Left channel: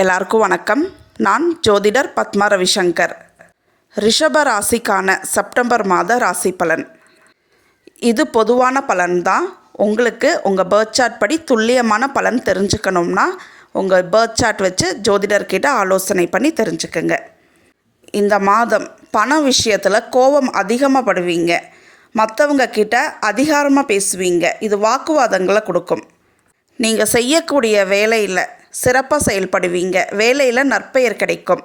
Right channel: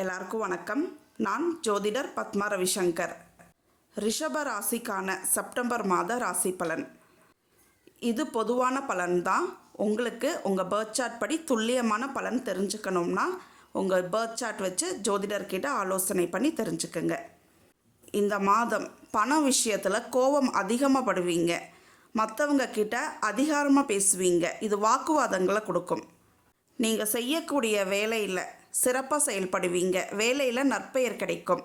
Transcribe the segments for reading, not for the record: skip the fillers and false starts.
எல்லாருக்கும் வணக்கம். நான் ஜோதிடர் பத்மா ரவிசங்கர். ரிஷப ராசிக்கான செப்டம்பர் மாத ராசி பலன். இது பொதுவான பலன்தான். உங்களுக்கு உங்கள் பர்த் சார்ட் படி துல்லியமான பலன் தெரிஞ்சுக்கணும்னா உங்கள் பர்த் சார்ட் வச்சு ஜோதிடர்கிட்ட ஆலோசனை பண்ணி தெரிஞ்சுக்குங்க. இந்த மாதம் பண விஷயத்தில் கோபம் அதிகமாக படுவீங்க. மற்றவங்க கிட்ட அதிகாரமாக பேசுவீங்க. இது வாக்குவாதங்களை கொடுக்கும். நீங்கள் செய்யக்கூடிய வேலையில் சிறப்பாக செயல்படுவீங்க. வேலையில் நற்பெயர் கிடைக்கும்.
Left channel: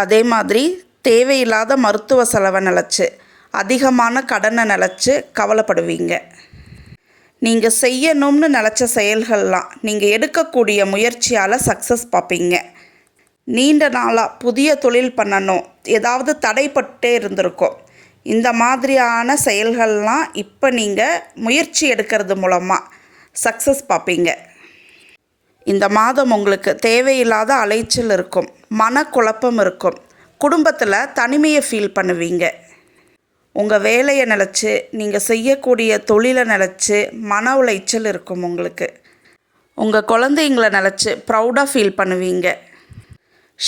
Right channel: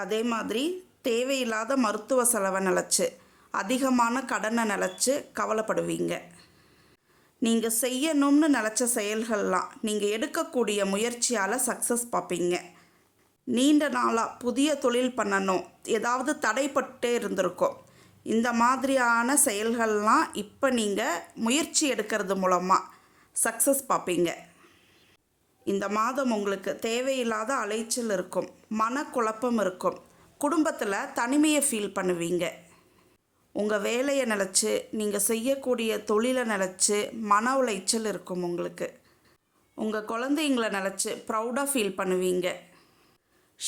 அதே மாதிரி தேவையில்லாத மருத்துவ செலவை நினச்சி அதிகமான கடனை நினச்சி கவலைப்படுவீங்க. நீங்கள் செய்யணும்னு நினச்ச செயல்கள்லாம் நீங்கள் எடுக்கக்கூடிய முயற்சியால் சக்ஸஸ் பார்ப்பீங்க. நீண்ட நாளாக புதிய தொழில் பண்ணணும், ஏதாவது தடைப்பட்டே இருந்திருக்கும். இந்த மாதிரியான செயல்கள்லாம் இப்போ நீங்கள் முயற்சி எடுக்கிறது மூலமாக சக்ஸஸ் பார்ப்பீங்க. இந்த மாதம் உங்களுக்கு தேவையில்லாத அலைச்சல் இருக்கும், மனக்குழப்பம் இருக்கும். குடும்பத்தில் தனிமையை ஃபீல் பண்ணுவீங்க. உங்கள் வேலையை நினச்சி நீங்கள் செய்யக்கூடிய தொழிலை நினச்சி மன உளைச்சல் இருக்கும். உங்களுக்கு உங்கள் குழந்தைங்களை நினச்சி ப்ரௌடாக ஃபீல் பண்ணுவீங்க.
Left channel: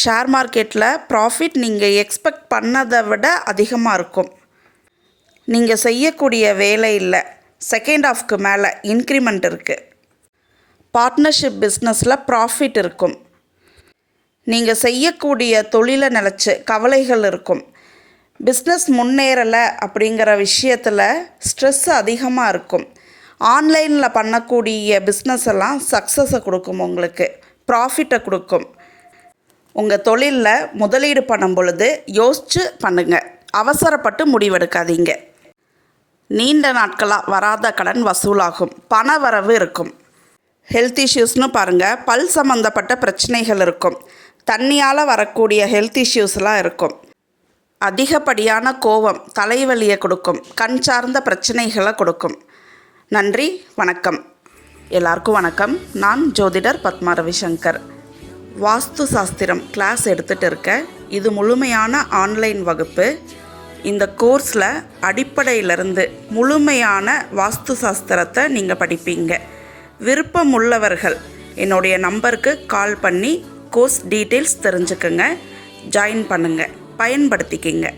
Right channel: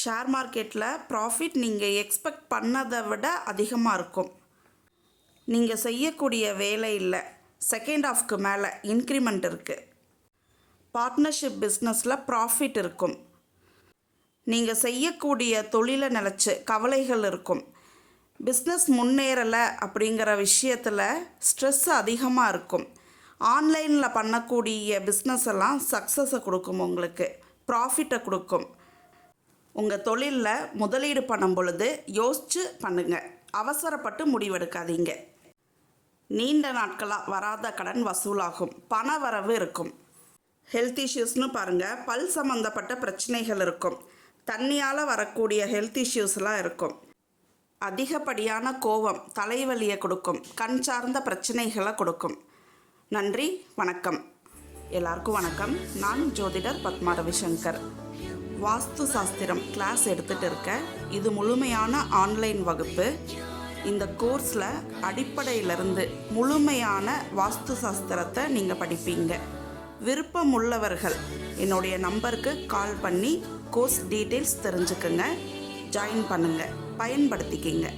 ஷேர் மார்க்கெட்டில் ப்ராஃபிட் நீங்கள் எக்ஸ்பெக்ட் பண்ணதை விட அதிகமாக இருக்கும். நீங்கள் செய்யக்கூடிய வேலையில் செகண்ட் ஹாஃப்க்கு மேலே இன்க்ரிமெண்ட் இருக்குது. பார்ட்னர்ஷிப் பிஸ்னஸில் ப்ராஃபிட் இருக்கும். நீங்கள் செய்யக்கூடிய தொழிலை நினச்சி கவலைகள் இருக்கும். பிஸ்னஸ் முன்னேறலை அப்படிங்கிற விஷயத்தில் ஸ்ட்ரெஸ் அதிகமாக இருக்கும். ஆன்லைனில் பண்ணக்கூடிய பிஸ்னஸ் எல்லாம் சக்ஸஸை கொடுக்கும், உங்களுக்கு ப்ராஃபிட்டை கொடுக்கும். உங்கள் தொழிலில் முதலீடு பண்ணும் பொழுது யோசித்து பண்ணுங்கள். அவசரப்பட்டு முடிவெடுக்காதீங்க. நீண்ட நாட்களாக வராத கடன் வசூலாகும். பண வரவு இருக்கும். ஹெல்த் இஷ்யூஸ்னு பாருங்கள். பல் சம்மந்தப்பட்ட பிரச்சனைகள் இருக்கும். தண்ணியால் வரக்கூடிய ஹெல்த் இஷ்யூஸ்லாம் இருக்கும். அதிகப்படியான கோபம் தலைவலியை கொடுக்கும். கண் சார்ந்த பிரச்சனைகளை கொடுக்கும். நன்றி, வணக்கம். எல்லாருக்கும் வணக்கம். நான் ஜோதிடர் பத்மா ரவிசங்கர். வாஸ்து சாஸ்திரம் கிளாஸ் எடுத்துகிட்டு இருக்கேன். இது முழுமையான ஆன்லைன் வகுப்பு. இந்த கோர்ஸில் அடிப்படையிலிருந்து முழுமையான வாஸ்து சாஸ்திரத்தை நீங்கள் படிப்பீங்க. விருப்பம் உள்ளவர்கள் என்னுடைய நம்பருக்கு கால் பண்ணி கோர்ஸ் டீட்டெயில்ஸ் தெரிஞ்சுக்குங்க. ஜாயின் பண்ணுங்கள், பயன்படுத்திக்கிங்க.